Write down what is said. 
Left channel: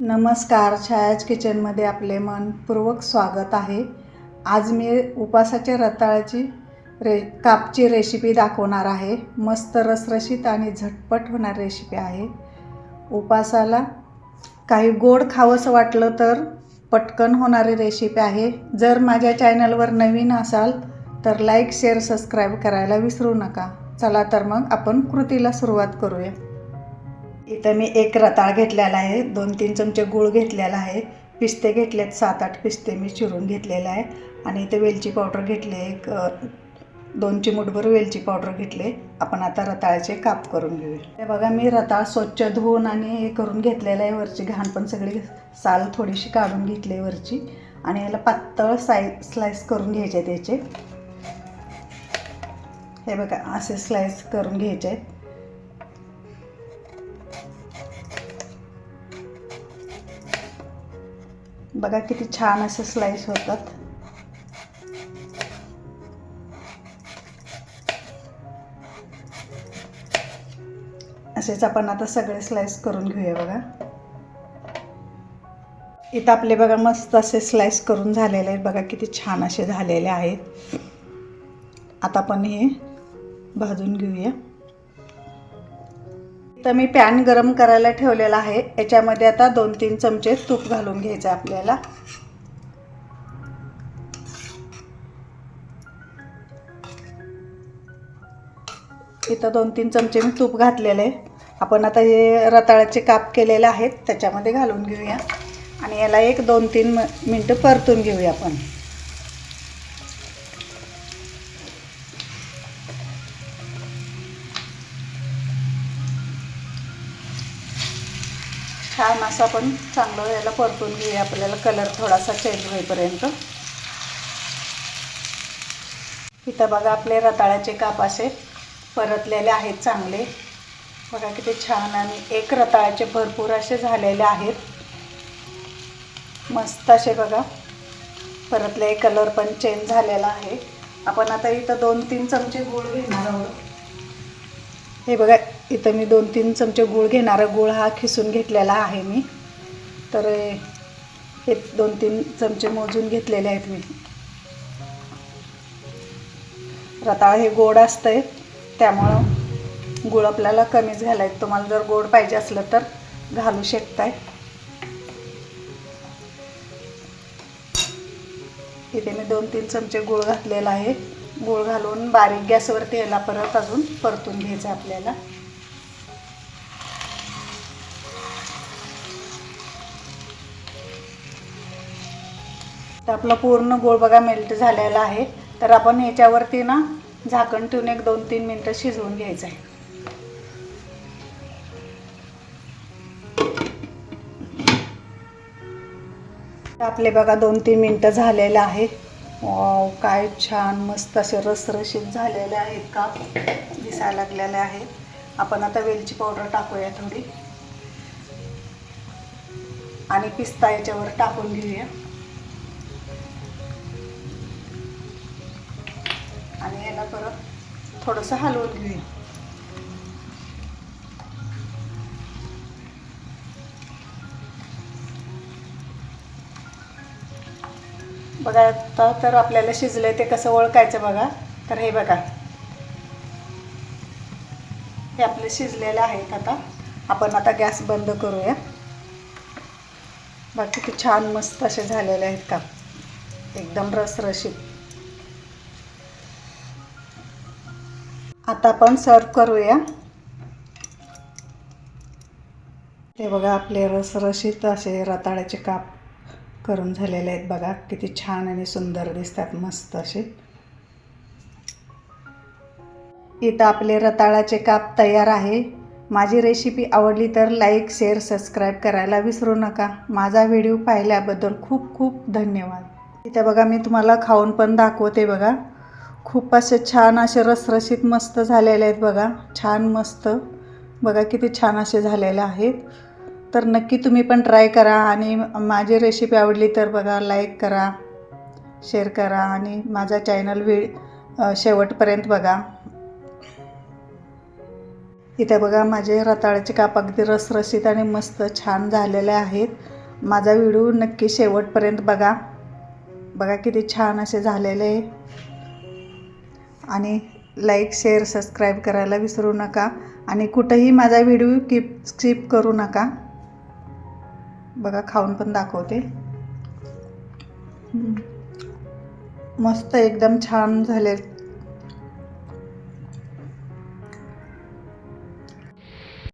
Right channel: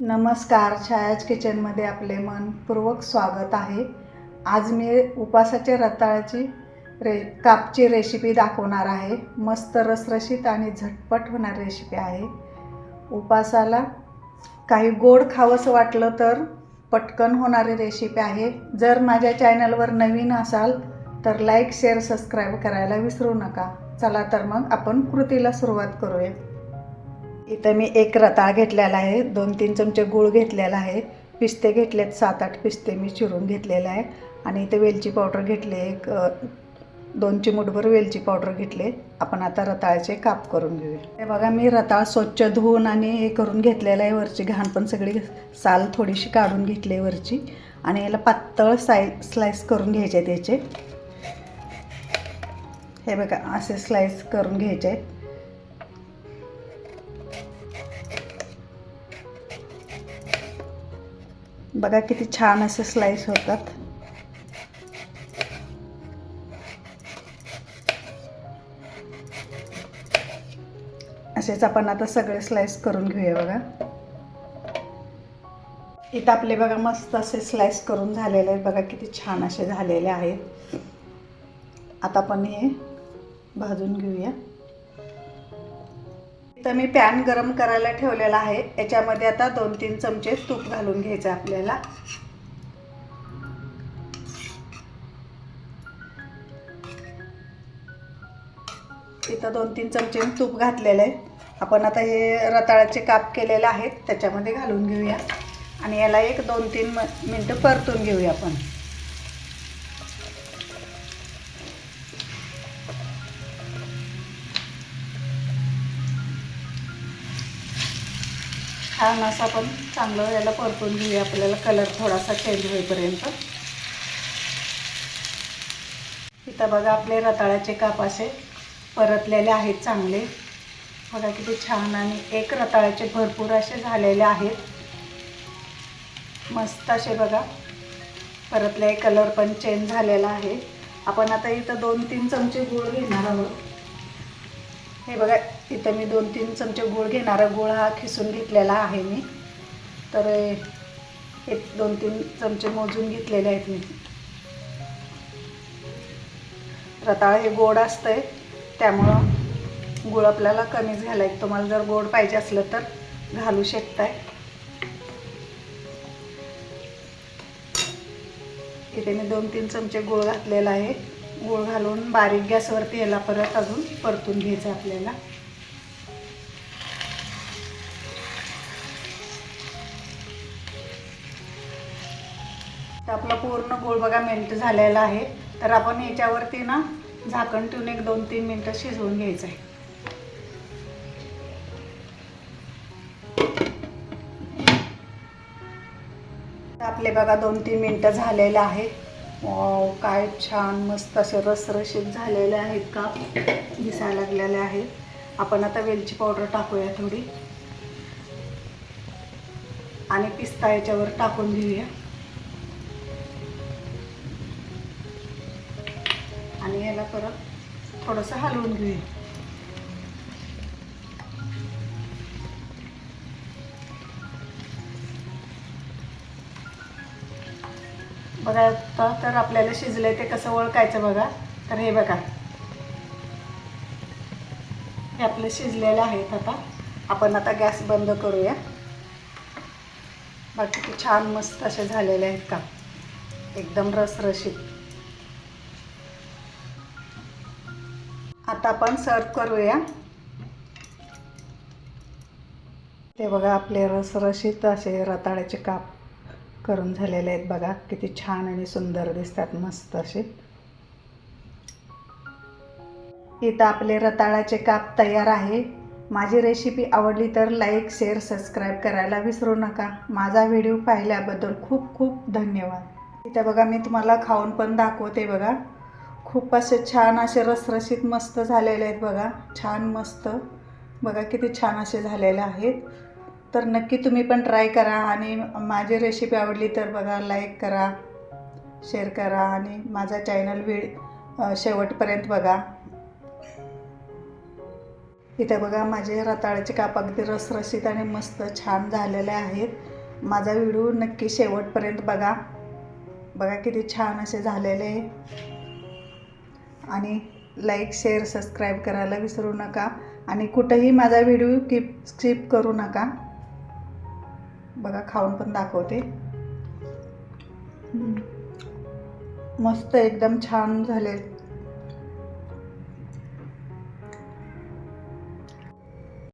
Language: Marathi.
नमस्कार, छायाच किचनमध्ये आपले मनपूर्वक स्वागत आहे. आज मी उपासाच्या रताळ्याची कापची रेसिपी दाखवणार आहे. मस्त रसरशीत आणि झटपट होणारी रेसिपी आहे. उपासाला काही गोड खावंसं वाटलं तर पटकन होणारी रेसिपी आहे. जर माझ्या चॅनलवर नवीन असाल तर लाईक, शेअर, सबस्क्राईब करायला विसरू नका. चला तर मग आपण कृतीला सुरुवात करूया. इथं मी एक रताळ घेतलेला आहे, 2-3 चमचे गूळ घेतलेला आहे, पिस्ते घेतलेत 7-8 पिस्ते मी चिरून घेतलेला आहे आणि इथे वेलची पावडर घेतले, एक 2 चिमूटभर वेलची पावडर घेतले. आपण आता रताळ्याचे काप करून घेऊया. हे बघा, मी रताळ स्वच्छ धुवून आणि हे करून घेतलेलं आहे. वरची घाण पण सगळी साल थोडीशी काढून घेतली वरची आणि याला पातळ स्लाइस करून घ्यायचे आहेत याचे. हे बघा, असे स्लाइस करून घ्यायचे आहेत. बघा किती छान असे स्लाइस होतात. असेच आपण आता सगळे स्लाइस करून घेऊया. बघा इथं आपले बघा मस्त असे स्लाइस करून झालेले आहेत. बघा किती छान असे झालेले आहेत. आता आपण हे भाजून घेऊया. तर मी पॅन गरम करायला ठेवलेला आहे. याच्यामध्ये आता 2-3 चमचे तूप घालून घ्यायचं आपल्याला. इथं 2-3 चमचे मी तूप घातलेलं आहे. आपण आता हे रताळ्याचे काप केलेले आहेत त्याच्यामध्ये घालून घेऊया आणि याला एक 2-3 मिनटं परतून घेऊया आपण. छान असं आपण चांगलं याला परतून घेऊया. आपल्याला कलर थोडासा चेंज होईपर्यंत. इथं बघा आपले रताळ्याचे काप असे परतलेले आहेत चांगले. बघा किती छान आणि एक रताळ्याचे भरपूर असे झालेले आहेत. मस्त असे बघा परतले, कलर पण चेंज झालेला आहे. आपण आता इथं 2-3 चमचे गूळ घेणार आहोत. हे बघा, इथं मी 2-3 चमचे गूळ घेणार. गूळ हा खिसून घेतलेला आहे मी. तर हे 2-3 चमचे मोजून घेतलेले आहेत मी. रताळ हे गोड असतंय त्यामुळं गूळ आपल्याला कमीच घालायचं. तुम्हाला जर गोड पाहिजे असलं तर घालू शकताय. इथे मी 2-3 चमचे गूळ घातलेला आहे. गूळ घालून बारीक गॅसवरती याला परत अजून परतून घ्यायचं आपल्याला. तर आपला पूर्ण गूळ बघा मेल्ट झालेला आहे. तर आपण याच्यावरती ना झाकण ठेवून एक 2-3 मिनटं शिजवून घ्यायचं आहे. आपले बघा 2-3 मिनटं झालेले आहे. काय छान मस्त असे रसरशीत झालेले आहेत, काप दिसायला लागलेले आहेत. आपण आता वेलची पावडर टाकूया थोडी आणि पिस्ता याच्यावर टाकून घेऊया आणि याला परत थोडंसं हलवून घेऊया. बघा आता तर आपल्याला शिजलंय ते कसं ओळखायचं बघा. तर हे बघा, हे आपले शिजलेले आहेत. आता आपण आता गॅस बंद करूया. बघा किती छान मस्त असे झालेले आहेत का, एकदम रसरशीत. आता आपण सर्व करूया. ते बघा आपले रसरशीत असे रताळ्याचे काप करून झालेले आहेत. बघा किती छान आणि सुंदर दिसतात, मस्त असे. इथं आपले रताळ्याचे काप तयार आहे. माझी रेसिपी आवडली तर लाईक, शेअर, सबस्क्राईब करायला विसरू नका. माझा व्हिडिओ पाहिल्याबद्दल खूप खूप धन्यवाद. इथं बघा मी तुम्हाला खाऊन पण दाखवते. बघा खूप असे छान असे रसरशीत मस्त झालेले आहेत. बघा छान मस्त, बघा किती छान असे झालेले आहेत. तर नक्की तुम्ही पण ट्राय करा आणि माझी रेसिपी आवडली तर बघा लाईक करा, शेअर करा आणि माझा चॅनल शेवटपर्यंत बघा. इथे बघा माझे रताळ्याचे काप अगदी रसरशीत आणि मस्त छान झालेले आहेत. माझा व्हिडिओ नक्की शेवटपर्यंत बघा. बघा किती छान असे झालेले आहे. आणि लाईक शेअर सबस्क्राईब करायला विसरू नका. आणि कुठंही माझा व्हिडिओ स्किप करू नका. बघा खाऊन पण दाखवते. मस्त एकदम छान